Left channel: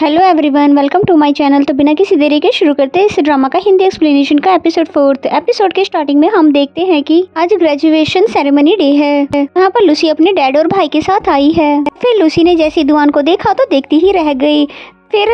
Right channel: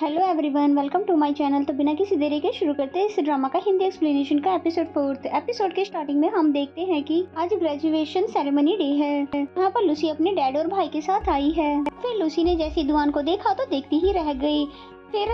Hello everyone, welcome to my channel. तो बिना किसी देरी के शुरू करते हैं इस ड्रामा का हिंदी एक्सप्लेनेशन का एपिसोड 4। एपिसोड के स्टार्टिंग में हम देखते हैं कि आज ग्रेजुएशन सेरेमनी डे है। यहाँ पर लूसी अपने डैड और भाई के साथ आई है। फिर लूसी ने जैसे दुआन को देखा तो देखती ही रह गई। फिर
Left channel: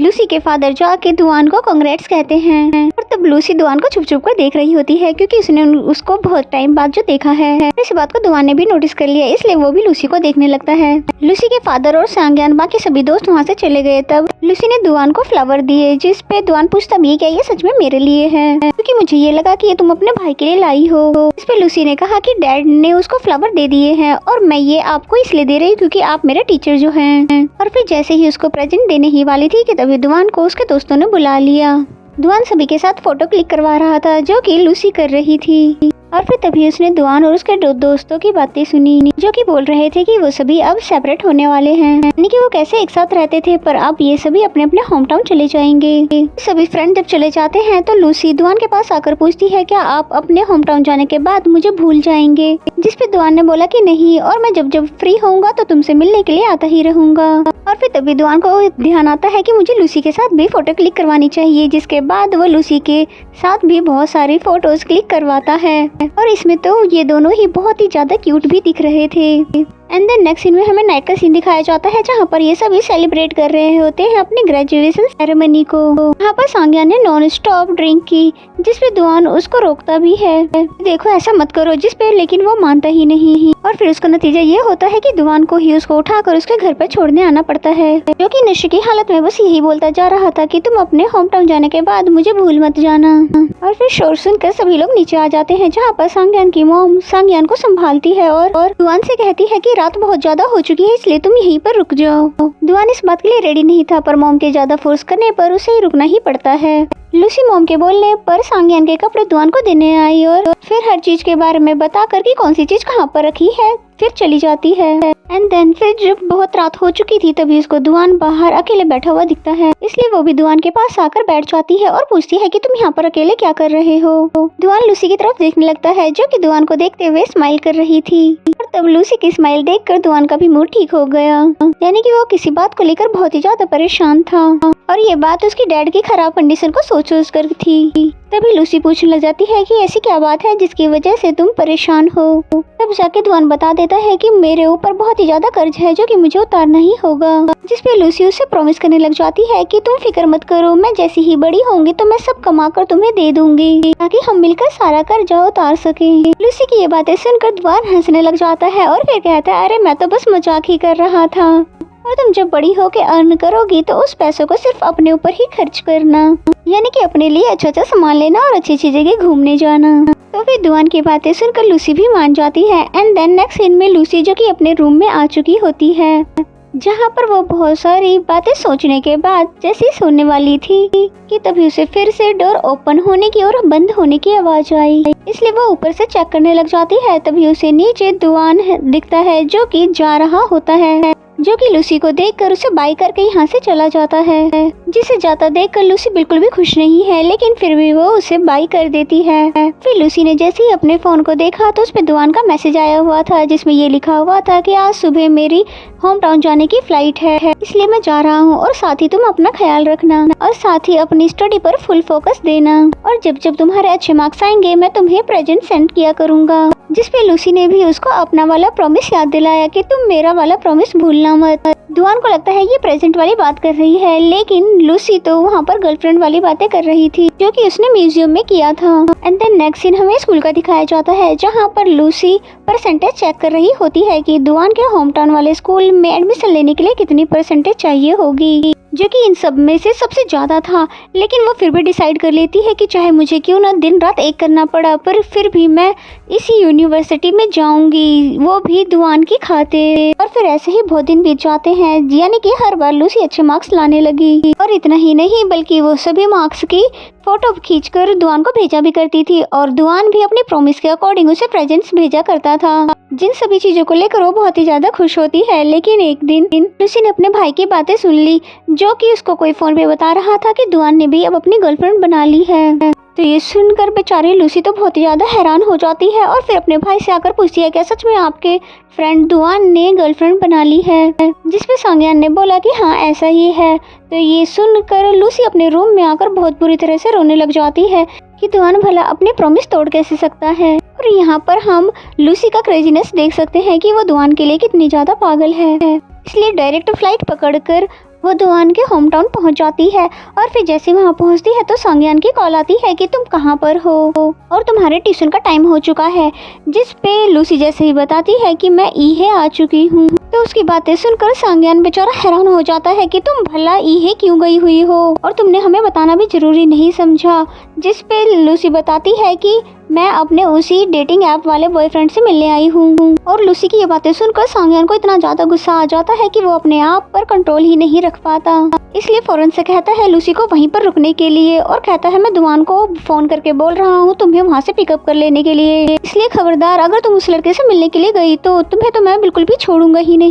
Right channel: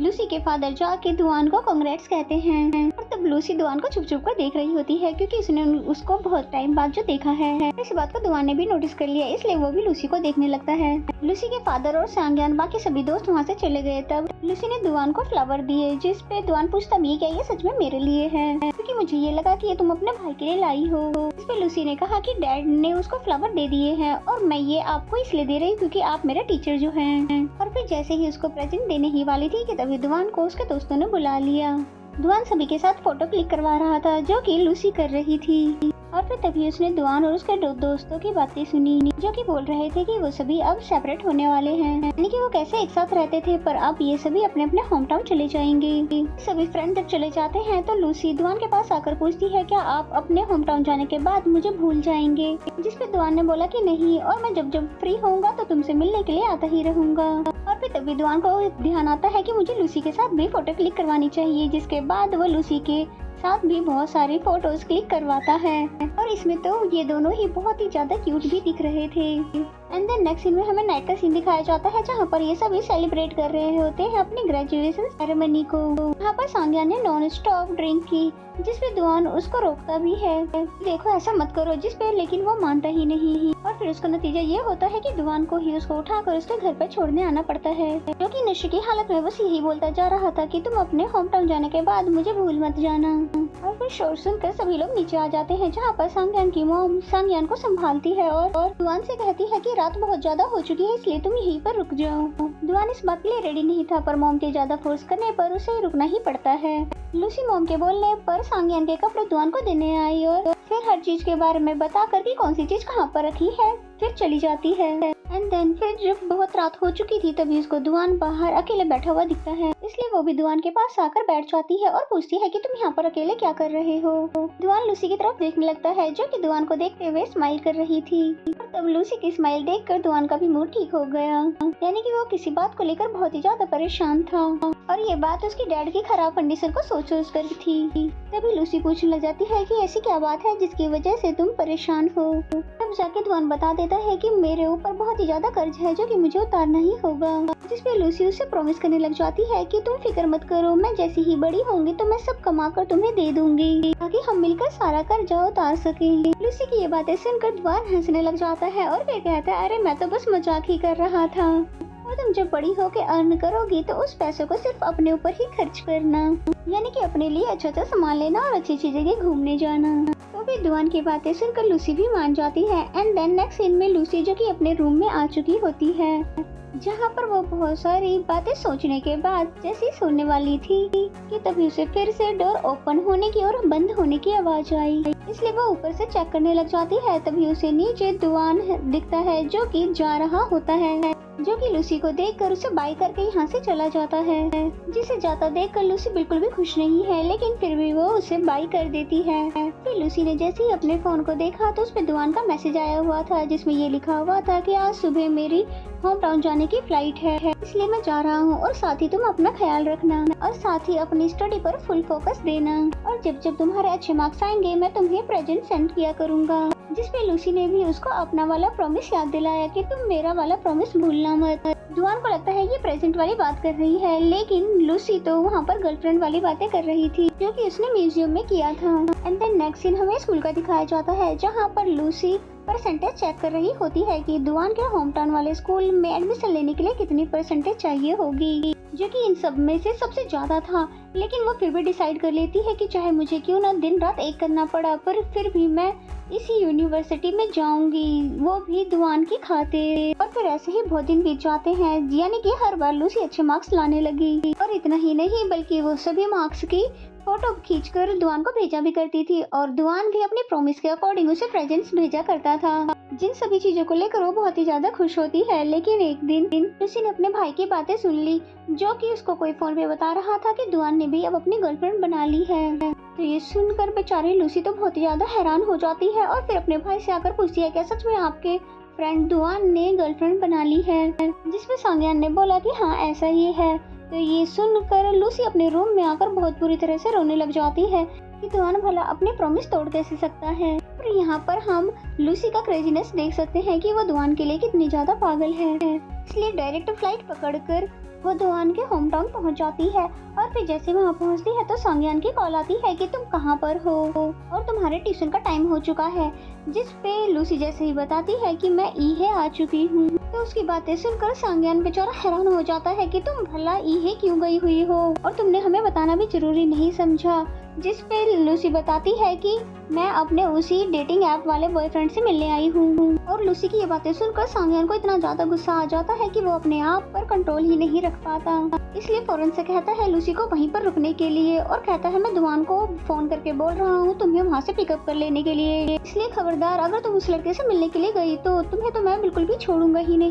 लूसी के फादर जाके दुआन को कांग्रेट्स कहते हैं और तब लूसी दुआन को छुप छुप कर देख रही होती है क्योंकि उसने उसको बहुत टाइम बाद जो देखा है। इस बात को दुआन ने भी नोटिस कर लिया, इसलिए वो भी लूसी को देखने लगता है। लूसी के फादर और सांग्यान बाकी सभी दोस्त वहाँ से चले गए। तब लूसी ने दुआन को फ्लावर दिए, जिस पे दुआन पूछता भी क्या ये सच में मेरे लिए है, क्योंकि मुझे ये लगा कि ये तुम अपने भाई के लिए लाई हो। इस पे लूसी ने कहा कि डैड ने उसको फ्लावर दे दिए हैं और मैं ये आपको इसलिए दे रही हूँ क्योंकि आप मेरे टीचर जो हैं। और फिर जैसे ही उसको प्रेजेंट देने ही वाली थी कि तभी दुआन को उसके दोस्तों ने बुला लिया। दुआन सभी के साथ फोटो क्लिक करवा रहा था जो कि लूसी कर रही थी। और फिर तभी उसने दुआन और उसके दोस्तों की बातें सुनी जो कि बोल रहे थे कि वो सभी अब सेपरेट होने वाले हैं, यानी कि वो कैसे एक साथ रहते थे पर अब ये सभी अपने अपने होम टाउन चले जाएंगे। सभी फ्रेंड जब चले जाते हैं तो लूसी दुआन के पास आकर पूछती है क्या आप अपने होम टाउन जाने के बाद मुझे भूल जाएंगे, जिस पे दुआन ने बोला कि नहीं और मैं जब जब फ्री होऊंगा तो तुमसे मिलने के लिए आता ही रहूंगा। और फिर तभी दुआन को ध्यान आता है कि मुझे लूसी के साथ भी फोटो क्लिक करवानी चाहिए, जिसके बाद वो लूसी के साथ भी बहुत सारी फोटोज क्लिक करवाता है। और इसमें तो ये दोनों ही बहुत ही ज्यादा क्यूट भी दिख रहे थे। एंड देन नेक्स्ट सीन में हमें नाइट का सीन दिखाया जाता है जहाँ पर ये सभी सेलिब्रेट कर रहे होते हैं अपने ग्रेजुएशन सेरेमनी को। यहाँ पर सांग्यान ने नॉन स्टॉप ड्रिंक की, जिसपे दुआन उसको रोकता भी है, देखो ऐसा मत करो, जिसपे लेकिन वो मानता ही नहीं। और फिर उसका नतीजा ये होता है कि दुआन को ही उसको उठाकर उसके घर पर छोड़ने आना पड़ता है, जो कि नशे की हालत में बस यही बोलता जा रहा था कि तुम अपने होम टाउन जाने के बाद मुझे भूल मत जाना। और फिर शोर सुनकर सभी लोग नीचे आ जाते हैं जहाँ पर सांग्यान की मॉम सांग्यान को संभालती है और दुआन से कहती है कि रात बहुत ज्यादा हो चुकी है इसलिए तुम यहीं पर रुक जाओ। दुआन इस बात के लिए रेडी नहीं था पर मॉम के ज्यादा फोर्स करने पर उसे ही रुकना ही पड़ता है। लूसी मॉम के बोलने पर सांग्यान के कपड़े दुआन को देने आई और फिर हर चीज के बारे में बता कर कि कौन सी चीज कहाँ पर रखी है फिर चली जाती है। एंड देन फिर जब बहुत रात हो चुकी थी तभी उसको दुआन बाहर अकेले बैठा हुआ दिखता है, इसलिए वो भी दुआन के पास आकर बैठ जाती है और पूछती है कि तुम यहाँ पर अकेले क्या कर रहे हो। दुआन लूसी की तरफ देखने लगता है जो कि दुआन को देखते हुए स्माइल कर रही थी और तब लूसी की स्माइल देखकर दुआन का भी मूड ठीक हो गया, यानी कि वो किसी बात को लेकर बहुत ही ज्यादा परेशान था और ये बात उसकी डैड की खराब कंडीशन को सोच कर थी। तभी लूसी पूछने लग जाती है कि ऐसी क्या बात है जिसकी वजह से तुम परेशान हो। तब जाके दुआन बता देता है कि मेरे ऊपर बहुत ही ज्यादा कर्ज है जो कि मुझे उतारना ही होगा, जिसपे लूसी उसे प्रॉमिस करने लग जाती है कि तुम फिक्र मत करो, मैं जैसी ही बड़ी होंगी तो मैं सब कमा कर तुम्हें दे दूंगी ताकि हम मिलकर सारा कर्जा उतार सके। लूसी की ये बातें सुनकर दुआन हंसने लग जाता है और फिर कहता है अरे मैं तो बस मजाक ही कर रहा था और तुम जब बड़ी होके अर्न करोगी तो उस पैसों को सिर्फ अपने ऊपर ही खर्च करना, यानी कि अपने लिए अच्छा अच्छा सामान लेना और अच्छी अच्छी जगह घूमने जाना। तो फिर दुआन की बातें सुनकर लूसी भी मान जाती है। एंड देन नेक्स्ट सीन में लूसी जो कि अपने रूम में आ चुकी होती है, जहाँ पर वो बहुत सारी बातें सोचने के बाद जैसे सोने वाली थी कि तभी उसे फिर से डोर ओपन होने की और बंद होने की आवाज आई, इसलिए वो ऊपर से चेक करने लग जाती है। तभी उसे नीचे दुआन दिखता है जो कि जा रहा होता है, जो कि लूसी को देखकर उसे बाय करके यहाँ से चला जाता है। जिसे जाता देखकर लूसी बिल्कुल भी खुश नहीं है, लेकिन फिर भी वो उसे बाय कर देती है। फिर लूसी ने जैसे ही अपने फोन को देखा तो उसपे दुआन का मैसेज आया हुआ था जिसमें ये लिखा हुआ था कि आज सुबह मेरी होम टाउन जाने की फ्लाइट है, इसलिए मैं जा रहा हूँ और साथ ही तुम अपना ख्याल रखना और साथ ही अपनी स्टडी पर फुल फोकस देना और जब जब तुम्हारे अच्छे मार्क्स आएंगे मैं तुम्हें प्रेजेंट सेंड किया करूँगा। जिसपे लूसी ने भी उसको अपना वाला प्रॉमिस याद दिलाया कि तुम मेरा वाला प्रॉमिस भूलना मत। दुआन को लगता है ये प्रेजेंट वाली बात कर रही है, लेकिन लूसी तो वहाँ पर गर्लफ्रेंड वाली बातें कर रही थी जो कि उसने म्यूजियम में किया था। एंड देन नेक्स्ट सीन हमें स्कूल का दिखाया जाता है जहाँ पर लूसी परसेंटेज चेक कर रही होती है कि दुआन के होम टाउन वाले स्कूल में एडमिशन लेने के लिए कितनी परसेंटेज चाहिए होगी, जो कि इन सब में से सबसे ज्यादा था। लेकिन वो फिर भी डिसाइड कर लेती है कि चाहे मुझे क्यों ना दिन रात एक करना पड़ा पर फिर भी मैं इसी यूनिवर्सिटी में जाऊंगी, वो भी दुआन की खातिर। और फिर ऐसे ही बहुत दिन बीत जाते हैं, यानी कि हर बार लूसी अच्छे मार्क्स लाने लगी और इतना ही नहीं बल्कि वो सभी मार्क्स की फोटो खींचकर दुआन को भेजा भी करती थी और दुआन भी अपने प्रॉमिस के अकॉर्डिंग उसे प्रेजेंट्स भेजा करता था, जिन सभी चीजों को लेकर वो बहुत ही ज्यादा खुश होती है। लेकिन एक दिन लूसी ने अपने भाई की बातें सुन ली जो कि उसको कोई फोन पे बता रहा था कि दुआन ने भी अब अपनी गर्लफ्रेंड बना ली है। तो ये सुनकर बेचारी लूसी तो बहुत ही ज़्यादा हैरान हो जाती है और फिर अपने भाई से आकर पूछती है क्या सच में आपके फ्रेंड दुआन ने गर्लफ्रेंड बना ली है, जिस पे सांगयान ने बोला कि हाँ ऐसा ही है। तो ये सुनकर लूसी अपने रूम में आकर बहुत बुरी तरह से रोने लग जाती है कि दुआन भला अपने प्रॉमिस तोड़ कैसे सकता है। और यहाँ पर हम लूसी का क्रेजीनेस देख सकते हैं कि वो दुआन के लिए कितनी ज़्यादा पागल है। इसलिए डायरेक्ट फ्लाइट पकड़कर वो दुआन के होम टाउन पहुँच जाती है और फिर जैसे वहाँ पहुँचती है तो सांगयान की कॉल आती है कि तुम कहाँ पर हो और तुम्हारे ट्यूशन का टाइम हो चुका है, जिस पे लूसी जैसे ही बताती है कि मैं ईहे आ चुकी हूँ। तो उसकी बातें सुनकर सांगयान बेचारा हैरान हो जाता है कि तुम भला ईहे क्यों गई हुई हो और तुमने हमें बताना भी जरूरी नहीं समझा, जिस पे लूसी बताती है कि मैं अपने उसी डेटिंग ऐप वाले बॉयफ्रेंड से मिलने आई हूँ। और लूसी की ये बातें सुनकर सांगयान को इतना ज्यादा गुस्सा आ जाता है कि वो अपने आप पर कंट्रोल ही नहीं रख पाता। इसलिए फौरन से कहता है लूसी को वहीं पर रुकने के लिए और कहता है मैं दुआन को फोन करके बोल रहा हूँ तुम्हें वहाँ से पिकअप कर लेने के लिए, इसलिए खबरदार अगर तुम उस लड़के से मिलने के लिए गई तो तुम्हें तो मैं बिल्कुल भी छोड़ूंगा ही नहीं।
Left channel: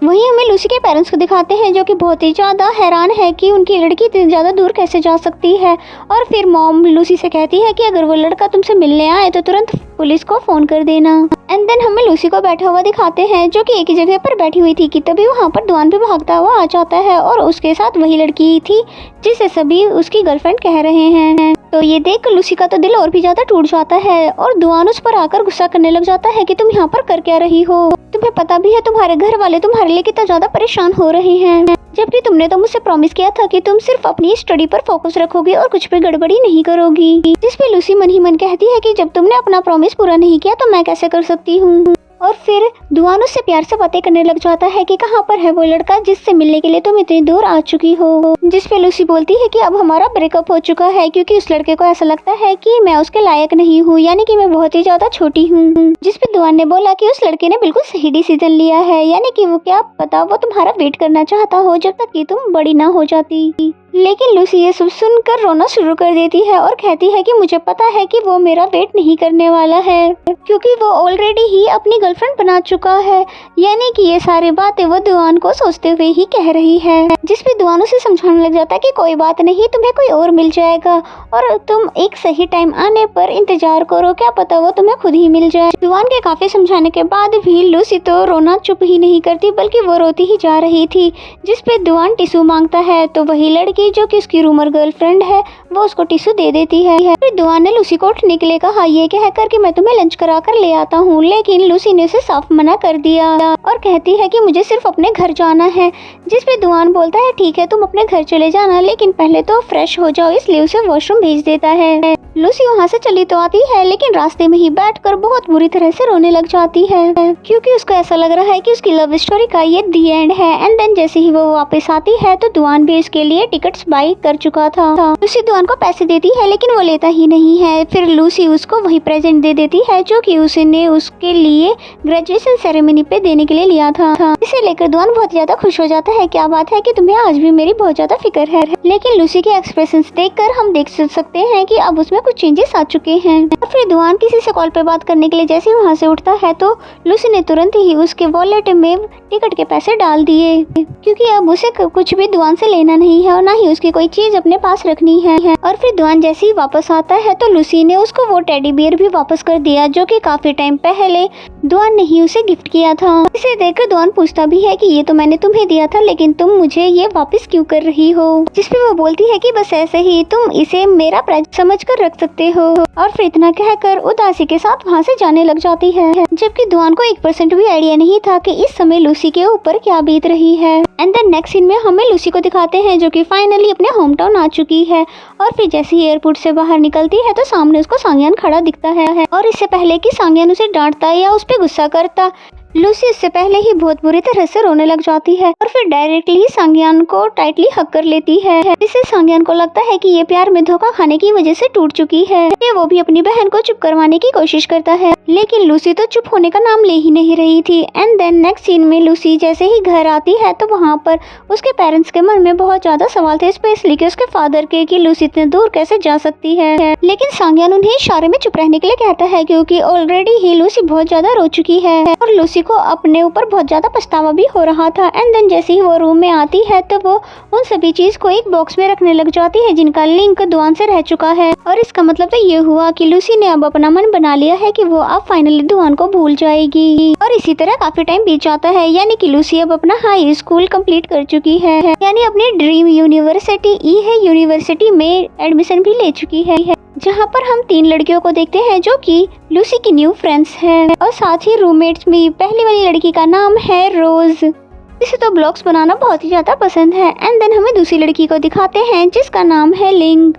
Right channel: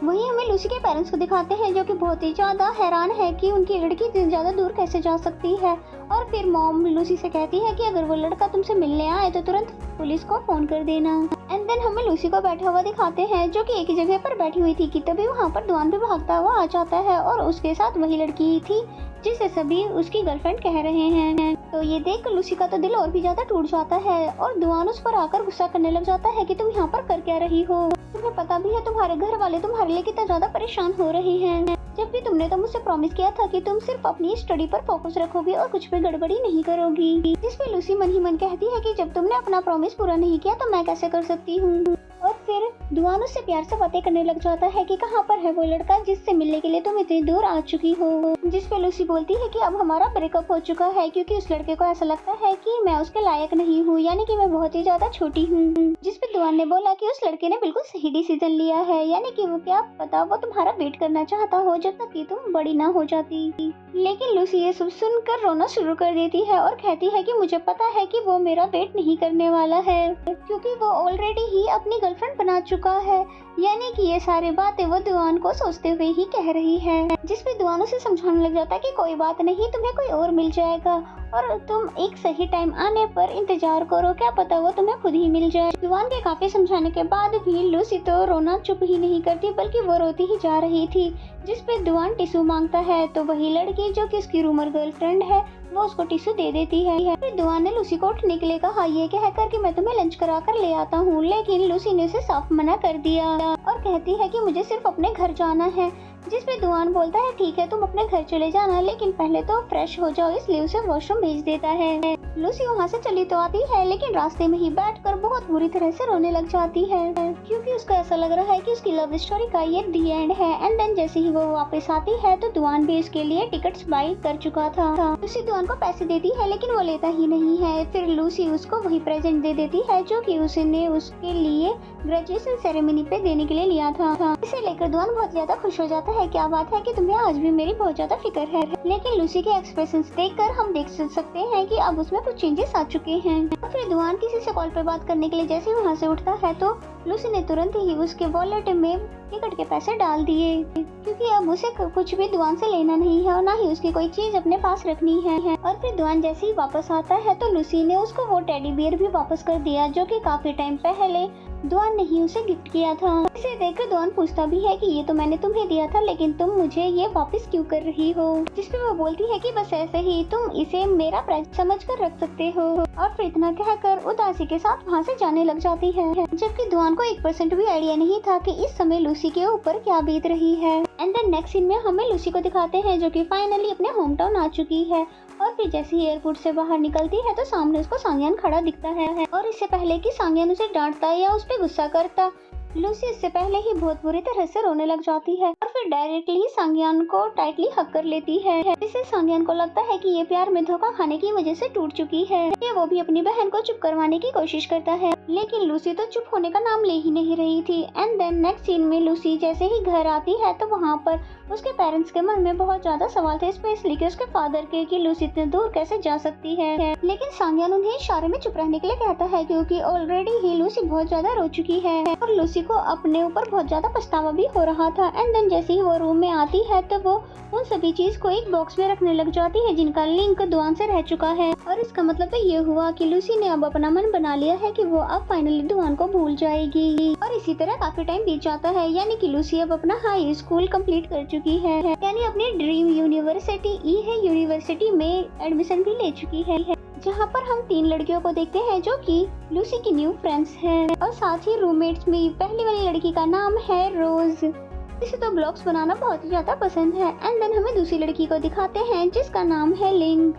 वहीं हमें लूसी के पेरेंट्स को दिखाते हैं जो कि बहुत ही ज्यादा हैरान है कि उनकी लड़की इतनी ज्यादा दूर कैसे जा सकती है। और फिर मॉम लूसी से कहती है कि अगर वो लड़का तुमसे मिलने आए तो तुरंत पुलिस को फोन कर देना। एंड देन हमें लूसी को बैठा हुआ दिखाते हैं जो कि एक ही जगह पर बैठी हुई थी कि तभी वहाँ पर दुआन भी भागता हुआ आ जाता है और उसके साथ वही लड़की थी जिसे सभी उसकी गर्लफ्रेंड कह रहे हैं। तो ये देख लूसी का तो दिल और भी ज्यादा टूट जाता है और दुआन उस पर आकर गुस्सा करने लग जाता है कि तुम यहाँ पर कर क्या रही हो, तुम्हें पता भी है तुम्हारे घर वाले तुम्हारे लिए कितना ज्यादा परेशान हो रहे हैं, जबकि तुमने तो मुझसे प्रॉमिस किया था कि तुम सिर्फ अपनी स्टडी पर फोकस रखोगी और कुछ भी गड़बड़ी नहीं करोगी। जिस पे लूसी मन ही मन कहती है कि जब तुमने अपना प्रॉमिस पूरा नहीं किया तो मैं कैसे कर सकती हूँ। और फिर दुआन उससे प्यार से बातें करने लग जाता है कि कहाँ पर है वो लड़का जिससे मिलने के लिए तुम इतनी दूर आ चुकी हो। जिस पे लूसी बोलती है कि अब हमारा ब्रेकअप हो चुका है क्योंकि उस लड़के को ऐसा लगता है कि मैं उसके लायक नहीं हूँ, यानी कि मैं बहुत ही ज्यादा छोटी हूँ। जिस पे दुआन ने बोला कि उस लड़के ने बिल्कुल सही डिसीजन लिया है, यानी कि वो क्या पता वो तुम्हारा वेट करना चाहता हो जब तक कि तुम बड़ी ना हो जाती। लेकिन लूसी ये सब सुनकर रोना शुरू कर देती है और कहती है कि मुझे पता है कि वो मेरा वेट नहीं करने वाला है क्योंकि वो ऑलरेडी ही अपनी गर्लफ्रेंड बना चुका है, यानी कि ये सारी बातें वो दुआन को सोचते हुए ही कह रही है। जिस पे दुआन उसे समझाने लग जाता है कि कोई बात नहीं, तुम्हें कोई और मिल जाएगा और तुम एक सही टाइम आने पर इंतजार करो, क्या पता वो तुम्हें खुद ही मिल जाए। दुआन के काफी समझाने के बाद भी लूसी तो रोना चुप ही नहीं करती बल्कि वो रोती ही जा रही थी। जिस पे दुआन टिश्यू मांगता है तो वही लड़की जो कि उसकी रूमर गर्लफ्रेंड है वो उसको टिश्यू दे देती है। फिर दुआन ने लूसी को उठने के लिए कहा ये कहकर कि मैं तुम्हें लंच करा कर ले आता हूँ, लेकिन लूसी ने उसे साफ मना कर दिया और कहती है कि मुझे सिर्फ अपने घर जाना है। जिस पे दुआन बोलता है ठीक है तुम अपने घर चले जाना लेकिन पहले तो फ्रेश हो जाओ, इसलिए उसे वॉशरूम भेज देता है। लूसी वहाँ से चली तो आती है लेकिन रास्ते में ही बैठकर बहुत बुरी तरह से रोने लग जाती है क्योंकि उसको ऐसा लग रहा है कि उसकी लव स्टोरी का ये दी एंड है। एंड देन जैसे ही वो वापस आती है तो दुआन भी इसके लिए टिकट्स बाई कर चुका था। लूसी दुआन को पैसे देती है लेकिन वो लेता ही नहीं है। फिर लूसी उसको वही प्रेजेंट दे देती है जो कि उसने उसके लिए ग्रेजुएशन सेरेमनी पे देने के लिए लिया था। इसे लेकर दुआन बहुत ज्यादा खुश हो जाता है, क्या बात है कि तुम्हें आज भी मेरी बहुत ज्यादा फिक्र है। लेकिन लूसी के एक्सप्रेशंस देखकर हम देख सकते हैं कि अब उसमें कुछ चेंजेस आ चुके हैं। और फिर दुआन किसी से कॉल पे बात करने के लिए जैसे वहाँ से उठता है तो लूसी ने तुरंत ही उसके वॉलेट में टिकट के पैसे डाल दिए क्योंकि अब उसे कुछ भी दुआन से लेना नहीं है और ना ही उसकी कोई चीज अपने पास रखनी है। और फिर दुआन जैसे ही वापस आता है तो लूसी ने उसको वो टेडी बियर भी वापस कर दिया जो कि काफी टाइम पहले दुआन ने ही उसे गिफ्ट किया था। इसे देखकर दुआन पूछता भी है कि ये तो मैंने तुम्हें दिया था लेकिन तुम मुझे ये वापस क्यों कर रही हो। जिसपे वो बोलती है कि बस ऐसे ही तुम इसे मेरा प्रेजेंट समझ कर रख सकते हो। और फिर इतना कहकर उदासी के साथ वहाँ से जाने लग जाती है, जबकि दुआन को 1% भी आइडिया नहीं था कि इस समय लूसी के ऊपर क्या बीत रही है। एंड देन नेक्स्ट सीन में हमें लूसी को दिखाते हैं जो कि फाइनली अपने होम टाउन आ चुकी है। और फिर जैसे ही एयरपोर्ट से बाहर निकलती है तो सामने उसको सांगयान खड़ा दिखता है और इससे पहले कि सांगयान उसे डांटता या उस पर गुस्सा करता, लूसी इससे पहले ही बहुत बुरी तरह से रोने लग जाती है और फिर डायरेक्टली सांगयान को टाइटली हक कर लेती है। इससे सांगयान को लगता है कि ये प्यार में धोखा खाने की वजह से टूट चुकी है। वो भी अपनी बहन को चुप करवाने की कोशिश करता है लेकिन लूसी तो चुप होने का नाम ले ही नहीं रही थी। एंड देन नेक्स्ट सीन में लूसी जैसे ही घर आती है तो वहाँ पर उसके पेरेंट्स के मन में बहुत ज्यादा सवाल थे, स्पेशली कि उसके फादर के कि लूसी इतने दूर कैसे जा सकती है। लेकिन सांगयान उन्हें इशारे में चुप रहने के लिए कहता है क्योंकि ऑलरेडी ही लूसी बहुत ज्यादा रो चुकी है और लूसी लूसी को अपने ऊपर बहुत ज्यादा पछतावा भी हो रहा था। एंड देन जैसे ही वो रूम में आती है तो वो उन सभी चीज को एक बॉक्स में रखने लग जाती है जिनका लिंक दुआन से रह चुका है। और इसका मतलब तो ये हुआ कि लूसी ने अब अपना मन बना लिया है कि वो अब फाइनली दुआन को भूल जाएगी। और इसी तरह काफी टाइम बीत जाता है, यानी कि लूसी अब अपना हाई स्कूल कंप्लीट कर चुकी है, यानी अपनी ड्रीम यूनिवर्सिटी यूनिवर्सिटी में एडमिशन भी ले चुकी है, जहाँ पर हम 3 लड़कियों को देखते हैं जो कि लूसी की न्यू फ्रेंड्स हैं। और साथ ही रूममेट्स में पहली वाली लड़की का नाम है रोज, जिसे तो ब्लॉग्स बनाना बहुत ही ज्यादा पसंद है। एंड देन हमें दूसरी लड़की को दिखाते हैं जिसका नाम है लिंग,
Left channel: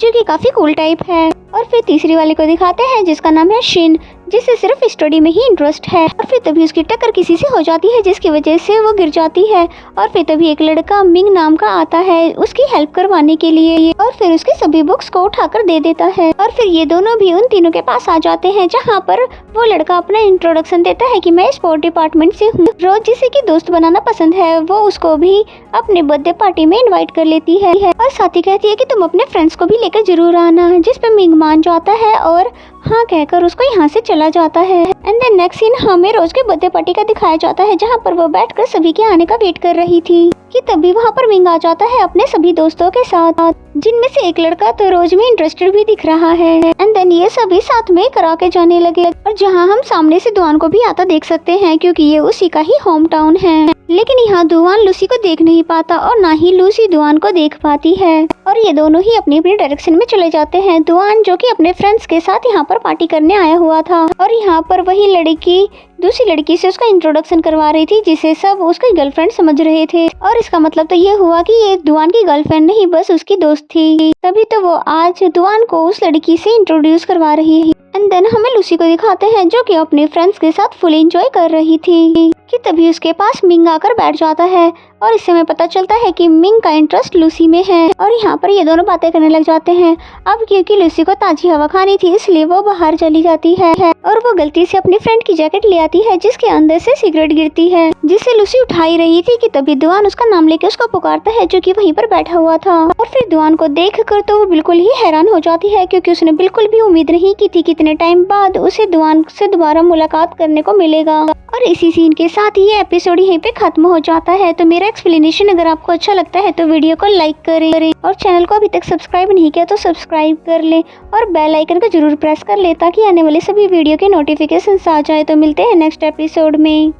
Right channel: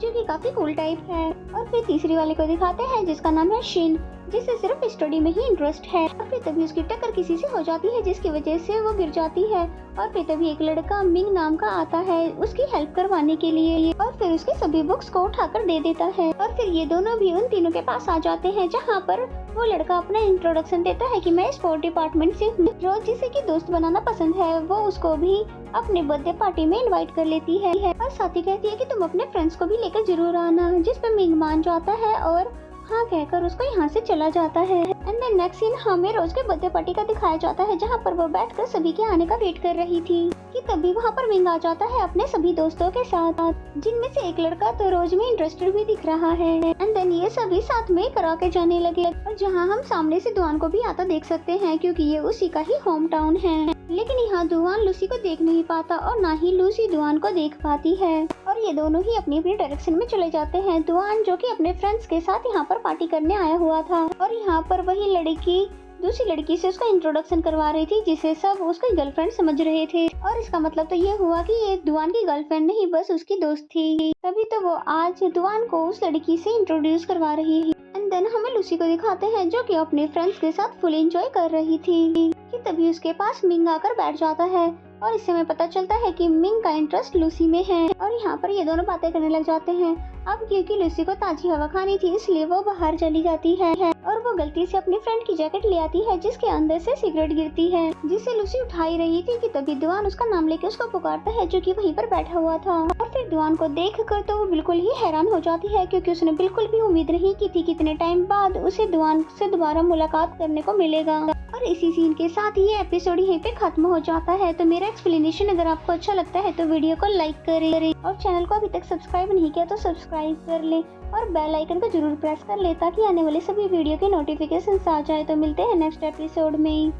जो कि काफी कूल टाइप है। और फिर तीसरी वाले को दिखाते हैं जिसका नाम है शिन, जिसे सिर्फ स्टडी में ही इंटरेस्ट है। और फिर तभी उसकी टक्कर किसी से हो जाती है जिसकी वजह से वो गिर जाती है। और फिर तभी एक लड़का मिंग नाम का आता है उसकी हेल्प करवाने के लिए, और फिर उसकी सभी बुक्स को उठाकर दे देता है। और फिर ये दोनों भी उन तीनों के पास आ जाते हैं, जहाँ पर वो लड़का अपना इंट्रोडक्शन देता है कि मैं स्पोर्ट डिपार्टमेंट से हूँ। रोज जिसे की दोस्त बनाना पसंद है, वो उसको भी अपने बर्थडे पार्टी में इन्वाइट कर लेती है और साथ ही कहती है कि तुम अपने फ्रेंड्स को भी लेकर जरूर आना, जिस पे मिंग मान जाता है और हाँ कहकर उसको यहाँ से चला जाता है। एंड देन नेक्स्ट सीन हमें रोज के बर्थडे पार्टी का दिखाया जाता है, जहाँ पर वो बैठकर सभी के आने का वेट कर रही थी कि तभी वहाँ पर मिंग आ जाता है अपने सभी दोस्तों के साथ, जिनमें से एक लड़का तो रोज में इंटरेस्टेड भी दिख रहा है। एंड देन ये सभी साथ में करा के जाने लगे, और जहाँ हम सामने से दुआन को भी आता देख सकते हैं क्योंकि ये उसी का ही होम टाउन है। लेकिन यहाँ दुआन लूसी को देख नहीं पाता और ना ही लूसी दुआन को देख पाती है, और ये दोनों ही अपनी अपनी डायरेक्शन में चले जाते हैं। दुआन जो कि अपने फ्रेंड्स के साथ यहाँ पर पार्टी करने आया हुआ था, और यहाँ पर वही लड़की दूसरी लड़की से उसका इंट्रोडक्शन करवा रही थी, जिसे सब उसकी गर्लफ्रेंड समझ रहे थे। और इसका मतलब तो ये हुआ कि ये दुआन की गर्लफ्रेंड नहीं बस उसकी दोस्त थी, तभी तो वो आज दुआन को उस लड़की से इंट्रोड्यूस करवा रही है। एंड देन हमें लूसी को दिखाते हैं जो कि अपने फ्रेंड्स के साथ फुल एंजॉय कर रही थी कि तभी उसके पास मिंग आकर बैठ जाता है, और इससे हमें पता चलता है कि मिंग का इंटरेस्ट लूसी में है। और यहाँ पर ये दोनों बातें करने लग जाते हैं। अब क्योंकि लूसी को ताजी हवा खानी थी इसलिए वो बाहर चली जाती है, और वो गलती से अपनी फ्रेंड की जैकेट ले आती है जिसके अंदर से सिगरेट गिरती है, जिसे लूसी उठा ही रही थी कि तभी दुआन उसका नाम लेके उसको पुकारता है जो कि वहीं पर बैठा हुआ था। और फिर दुआन को देख कर तो वो बिल्कुल ही हैरान हो जाती है, क्योंकि उसने बिल्कुल भी उम्मीद नहीं की थी कितने टाइम बाद उसे दुआन से दोबारा मुलाकात करने को मिलेगा। और इसी सीन के साथ ये एपिसोड यहीं पे खत्म हो जाता है। तो मेरा एक्सप्लेनेशन अगर आपको अच्छा लगता है तो वीडियो को लाइक करें, और चैनल को अभी तक सब्सक्राइब नहीं किया तो सब्सक्राइब कर ले, और बेल आइकन को जरूर प्रेस कर ले ताकि आने वाले सभी वीडियो के नोटिफिकेशन आ जाए। तो मिलते हैं नेक्स्ट एपिसोड में।